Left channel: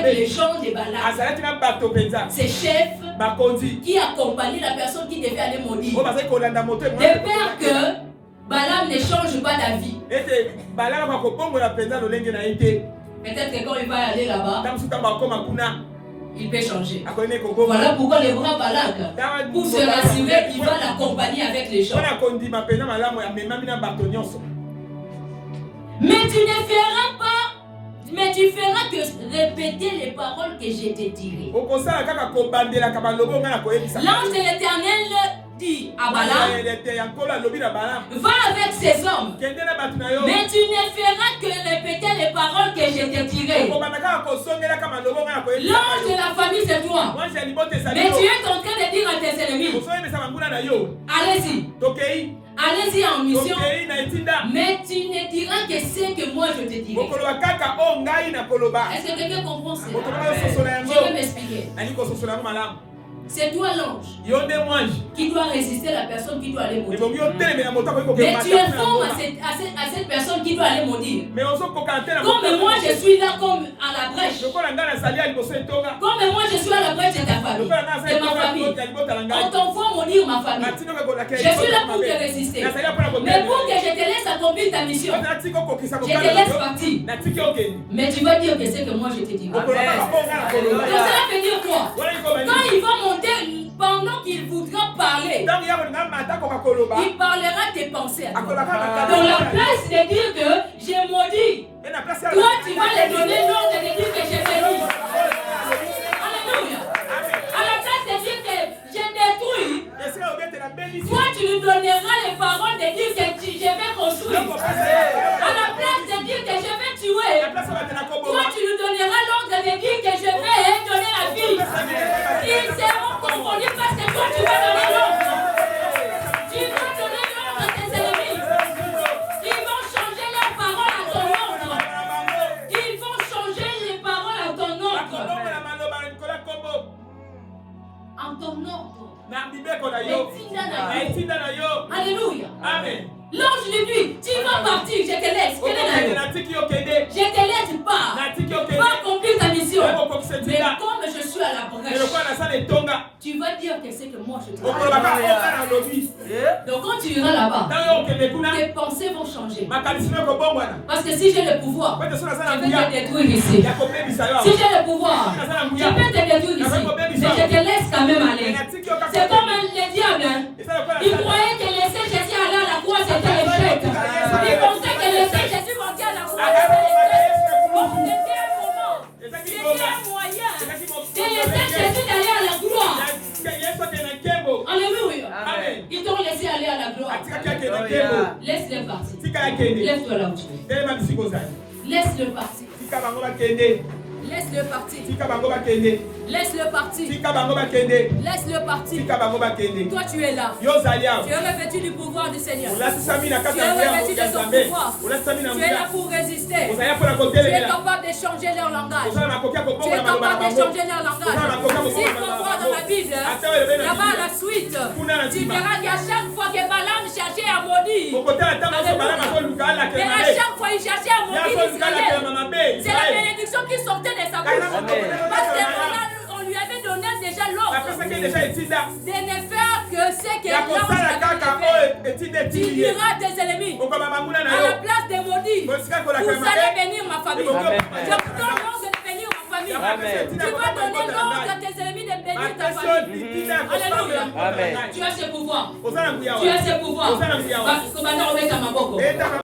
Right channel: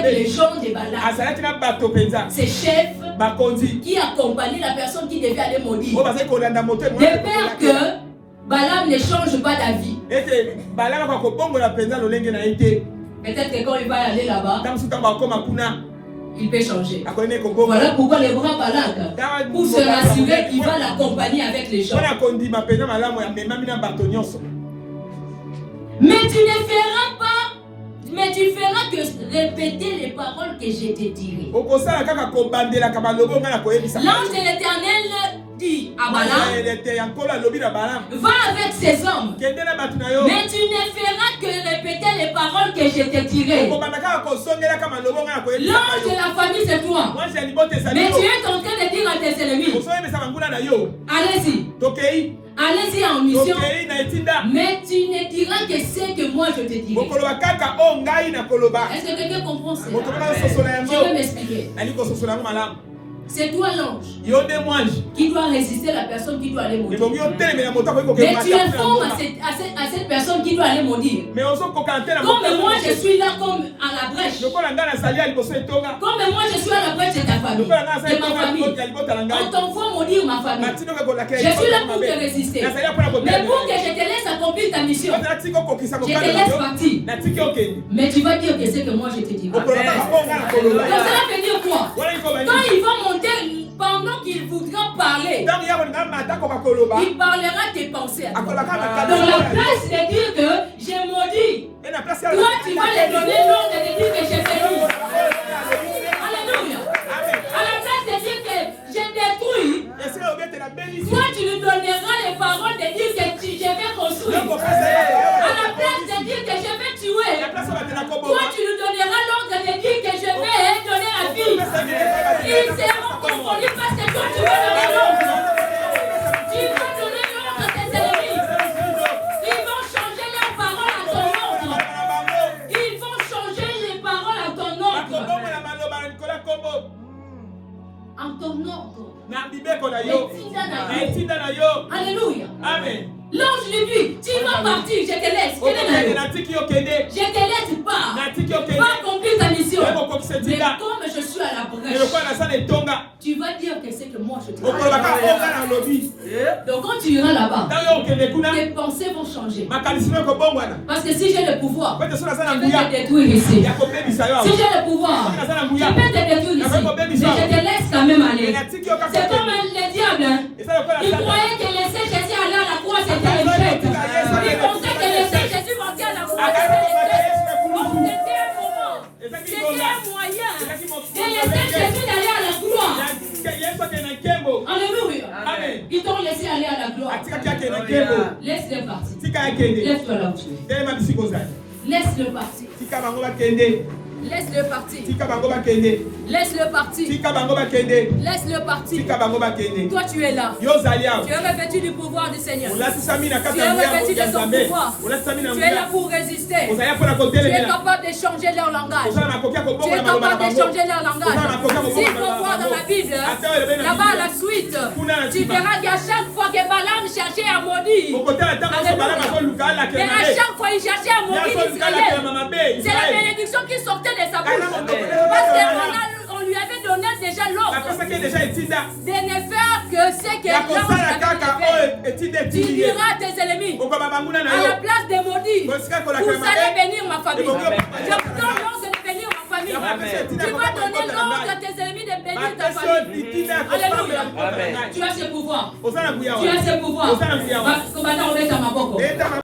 avec les gens de Balaam. Ces chefs qui accompagnaient la personne qui devait aller maudire. De peur que Balaam ne change pas d'avis. Peut-être que quand il va aller là-bas, il peut changer. Voilà pourquoi le grand Balak, pour se rassurer, il va l'accompagner avec les gens. Mais tu ne feras pas, mais tu feras que répéter les paroles que je t'ai tirées. L'ange de l'Éternel dit à Balaam, va avec ces hommes, mais tu ne feras que répéter les paroles que je t'ai tirées. L'ange de la famille, c'est toi. Mais tu es en train de dire à tes ennemis, allez-y. Allez-y en mission, mais tu ne diras que ce que moi je te dirai. Est-ce que quelqu'un comprend ça? Je vais m'expliquer. C'est toi l'ange qui doit résister à la personne qui doit aller maudire. Mais tu informes à cette personne qui doit aller maudire. Comme moi je suis là comme à la brèche. Comme moi je suis à la brèche de ta famille, de ma famille. On t'envoie maudire ma famille. Je suis là pour te résister. Mais pour que je te laisse accomplir ta mission, je te laisse partir. Mais tu vas dire que c'est que moi je te dis. Donc cela veut dire quoi? Quand il va monter, pendant qu'il voudra parler, il parlera tes pensées à toi. Dans la place de dire que j'ai maudit, toi tu vas lui donner l'ordre de dire que j'ai béni. Alléluia. À la place de dire que j'ai détruit, toi tu lui donneras les paroles de dire que je vais construire. À la place de dire que je vais tuer, toi tu lui donneras l'ordre de dire que je vais donner la vie. Ils seront confondus parce que toi tu vas donner l'ordre. Tu vas donner l'ordre à tes ennemis. Ils vont changer leurs paroles à ton ordre. Ils vont changer les paroles à ton ordre. En ton ordre. Alléluia. Amen. L'ange lui dit, tu vas partir, je te laisse. Je te laisse pas. Va accomplir ta mission. Mais comme je suis à la brèche, tu vas dire que c'est que moi je te laisse. Donc quand tu iras là-bas, tes pensées vont changer. Parce que si j'ai le pouvoir, je peux te détruire ici. Si j'ai le pouvoir, je peux te détruire ici. Mais je te laisse quand même aller. C'est comme le diable. Il croyait que laisser Jésus aller à la croix, c'était l'échec. Il pensait que laisser Jésus monter à la croix, c'était l'échec. Donc c'était un moment, c'était un moyen de laisser Jésus aller à la croix. Alléluia. Ils t'ont laissé aller à la gloire. Laisse-le partir. Lève-toi là où tu es. Laisse-le partir. Laisse-le partir. Laisse-le partir. Laisse-le partir. Toi tu es là. Tu es revêtu du pouvoir du Seigneur. Tu es revêtu de son pouvoir. Tu es là pour résister. Tu es capable de changer leur langage. Tu es capable de changer leur langage. S'il faut voir dans la Bible, là-bas à la suite, tu verras qu'à chaque fois que Balaam cherchait à maudire, alléluia, mais à chaque fois il cherchait à maudire Israël, c'est la bénédiction qui sortait de sa bouche. Parce qu'on lui avait donné déjà l'ordre de ne faire que ce que l'ange avait fait. Tu diras à tes ennemis, à la place de maudire, vous allez bénir ma famille. Je vous donne l'ordre de bénir ma famille. Tu vas donner l'ordre à tes ennemis de bénir ta famille. Alléluia. Tu as ce pouvoir. Tu as ce pouvoir. Commandant, on est à ma boco.